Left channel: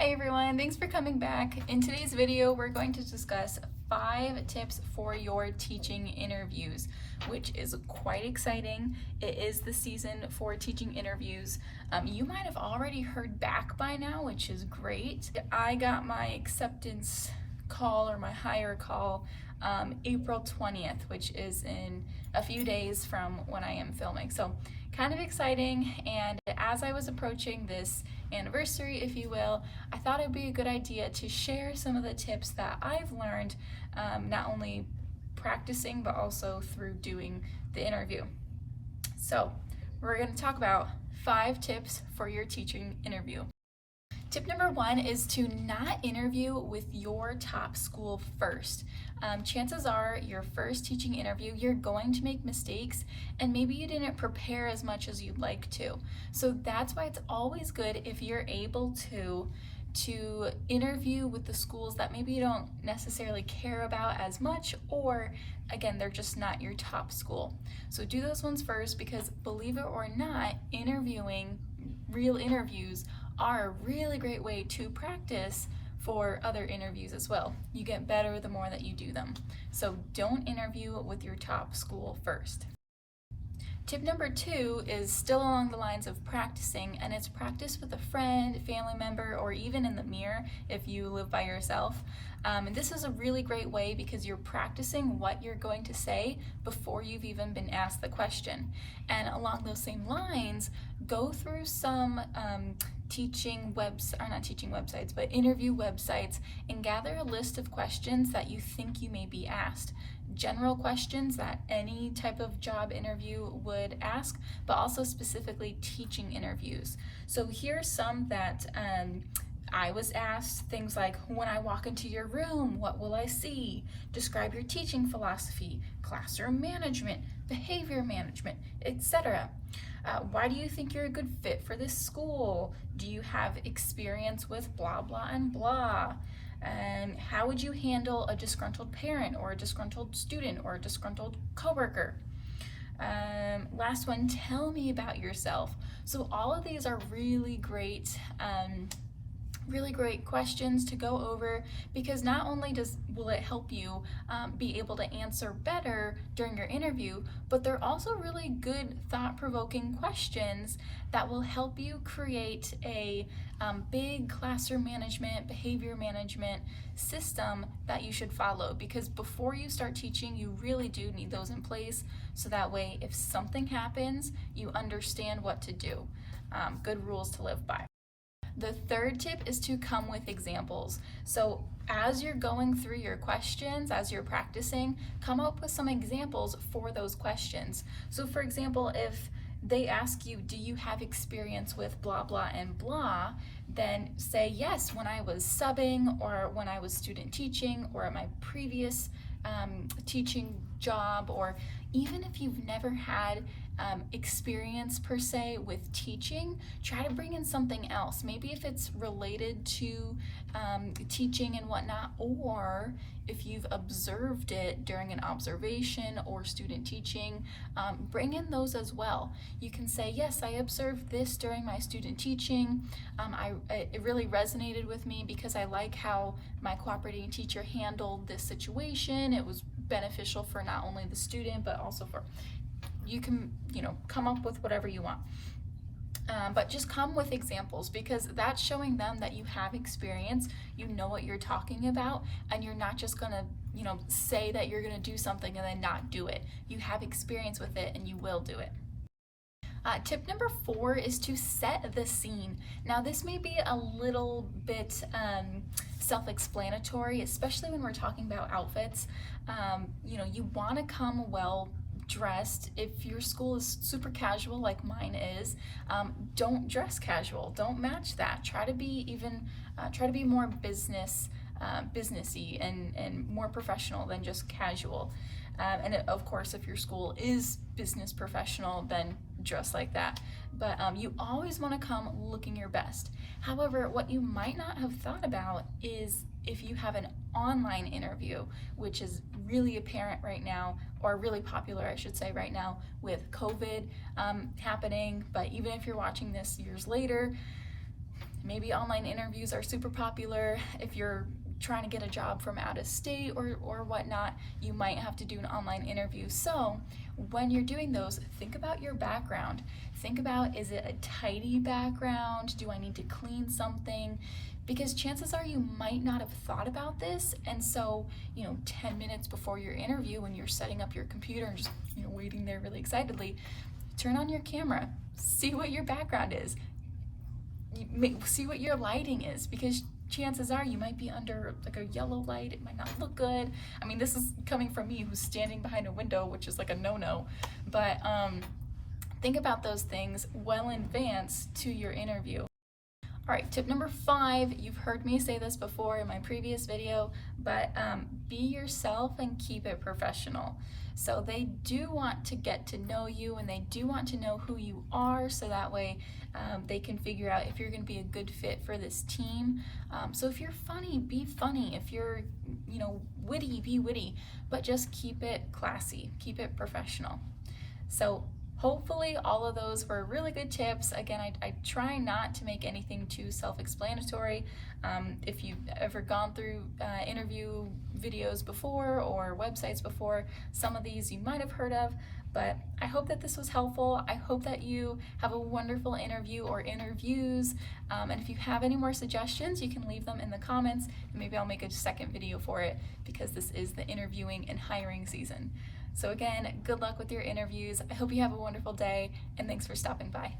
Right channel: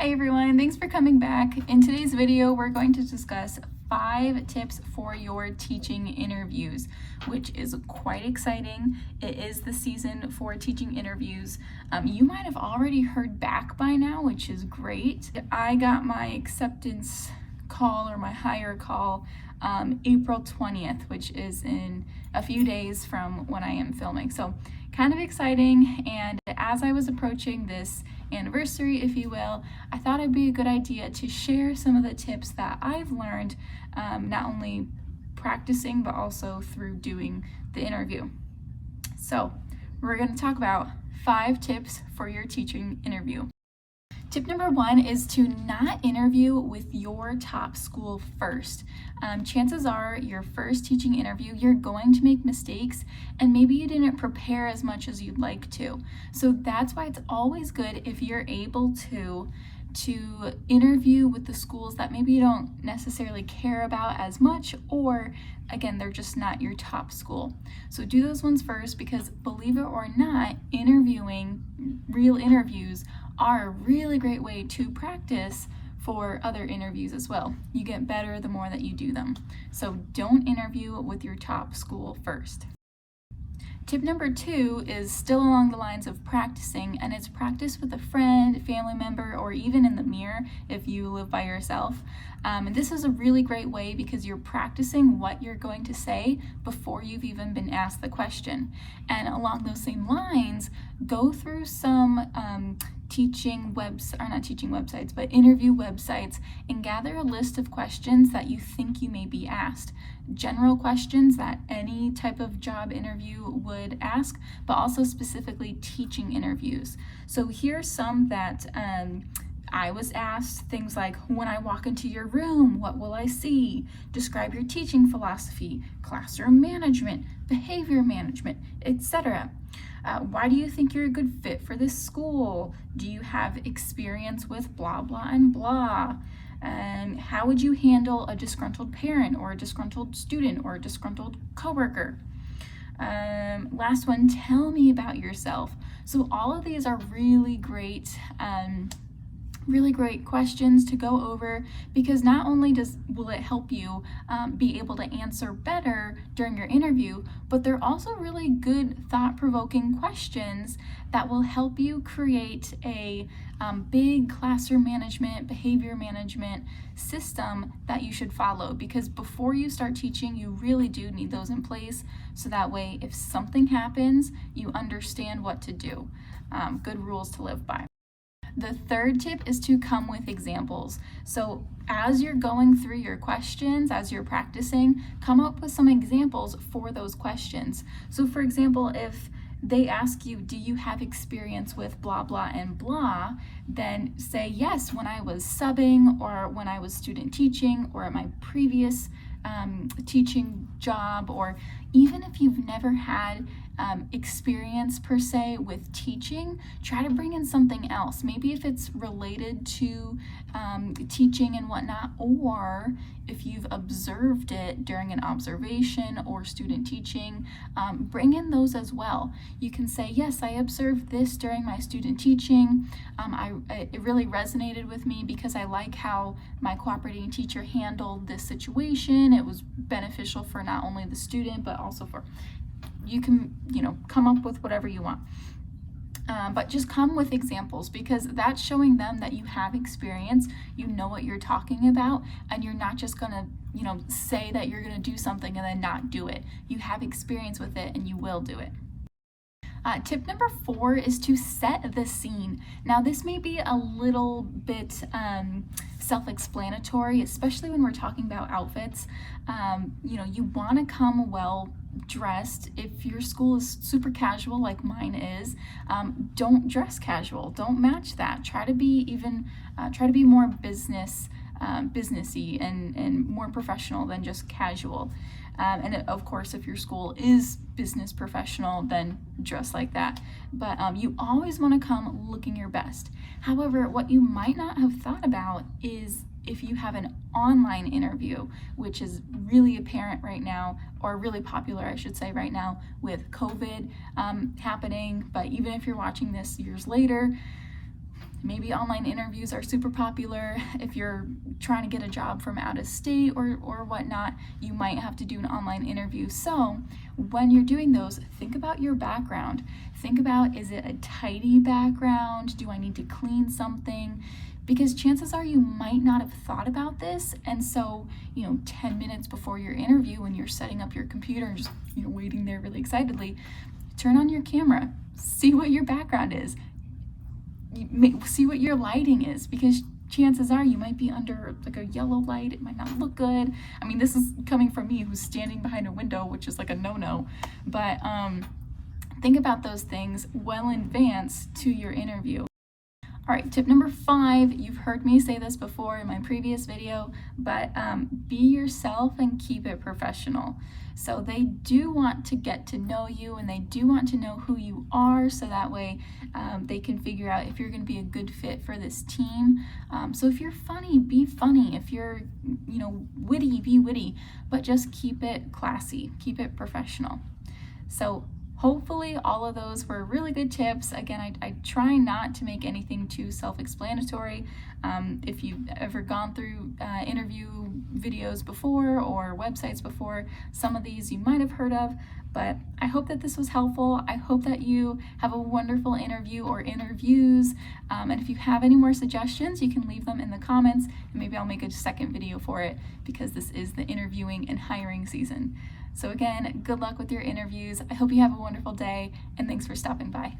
Hi everyone, thanks for coming back. In today's video, we're going to discuss 5 tips for your teaching interviews, which is quite exciting. It is the season for teaching interviews. You might have already heard back by now, which is great. I got my acceptance call or my hire call April 20th, which is in a few days from when I am filming. So kind of exciting, and as I was approaching this anniversary, if you will, I thought it'd be a good idea to share some of the tips that I've learned, not only practicing but also through doing the interview. So we're going to talk about 5 tips for your teaching interview. Tip number 1 is to not interview with your top school first. Chances are your first teaching interview, you're going to make mistakes and maybe you didn't prepare as much as you'd like to. So that's why it's always good if you're able to interview with the schools that maybe you don't necessarily care about as much, or again, they're just not your top school. So do those ones first, because believe it or not, interviewing, real interviews, are a really great way to practice for other interviews as well. You get better the more that you do them. So don't interview with your top school first. Tip number 2 is still along the lines of practicing, and it's practice with a friend, family member, or even in the mirror if you live by yourself. And this is a really great way because you're practicing what you're going to say before you've even been asked the question. And along those same lines, go through some interview websites and gather a list of questions that you think you may be asked. General questions that any type of job interview would ask, but also specifically teaching interviews. So here's some that I was asked, things like, when I walk into your room, what will I see? Describe your teaching philosophy, classroom management, behavior management, etc. Why do you think you're a good fit for this school? Do you have experience with blah, blah, and blah? How would you handle a disgruntled parent or a disgruntled student or a disgruntled coworker? Last one, tell me about yourself. So all of these are really great questions to go over, because not only will it help you be able to answer better during your interview, but they're also really good thought-provoking questions that will help you create a big classroom management, behavior management system that you should follow, because before you start teaching, you really do need those in place, so that way if something happens, you understand what to do. Good rules to live by. The third tip is to come with examples. So as you're going through your questions, as you're practicing, come up with some examples for those questions. So for example, if they ask you, do you have experience with blah, blah, and blah, then say, yes, when I was subbing, or when I was student teaching, or at my previous teaching job, or even if you've never had experience per se with teaching, try to bring in something else. Maybe if it's related to teaching and whatnot, or if you've observed it during an observation or student teaching, bring in those as well. You can say, yes, I observed this during my student teaching. It really resonated with me because I like how my cooperating teacher handled this situation. It was beneficial for not only the student, but also for, you can, come up with whatever you want. But just come with examples, because that's showing them that you have experience, you know what you're talking about, and you're not just gonna, say that you're gonna do something and then not do it. You have experience with it and you will do it. Tip number 4 is to set the scene. Now this may be a little bit self-explanatory, especially when we're talking about outfits. You want to come well dressed. If your school is super casual like mine is, don't dress casual. Don't match that. Try to be more businessy and more professional than just casual. And of course, if your school is business professional, then dress like that. But you always want to come looking your best. However, what you might not have thought about is if you have an online interview, which is really apparent right now, or really popular, I should say, right now with COVID happening. But even if you're watching this years later, Maybe online interviews are super popular. If you're trying to get a job from out of state or whatnot, you might have to do an online interview. So when you're doing those, think about your background. Think about, is it a tidy background? Do I need to clean something? Because chances are you might not have thought about this. And so, 10 minutes before your interview, when you're setting up your computer and just, waiting there really excitedly, turn on your camera, see what your background is. See what your lighting is, because chances are you might be under like a yellow light. It might not look good. I mean, this is coming from me who's standing behind a window, which is like a no-no. But think about those things well in advance to your interview. All right, tip number 5, you've heard me say this before in my previous video, but be yourself and keep it professional. So they do want to get to know you, and they do want to know who you are, so that way they can figure out if you're going to be a good fit for this team. So if you're funny, be funny. If you're, witty, be witty, but just keep it classy, keep it professional. So hopefully all of those were really good tips. Again, I try not to make anything too self-explanatory. If you've ever gone through interview videos before or websites before, some of these you might have heard of, but I hope that this was helpful. I hope that you have a wonderful interview or interviews. And if you have any more suggestions, you can leave them in the comments, and maybe I'll make a second video for it, because this is the interviewing and hiring season. So again, good luck with your interviews. I hope you have a wonderful day, and thanks for stopping by.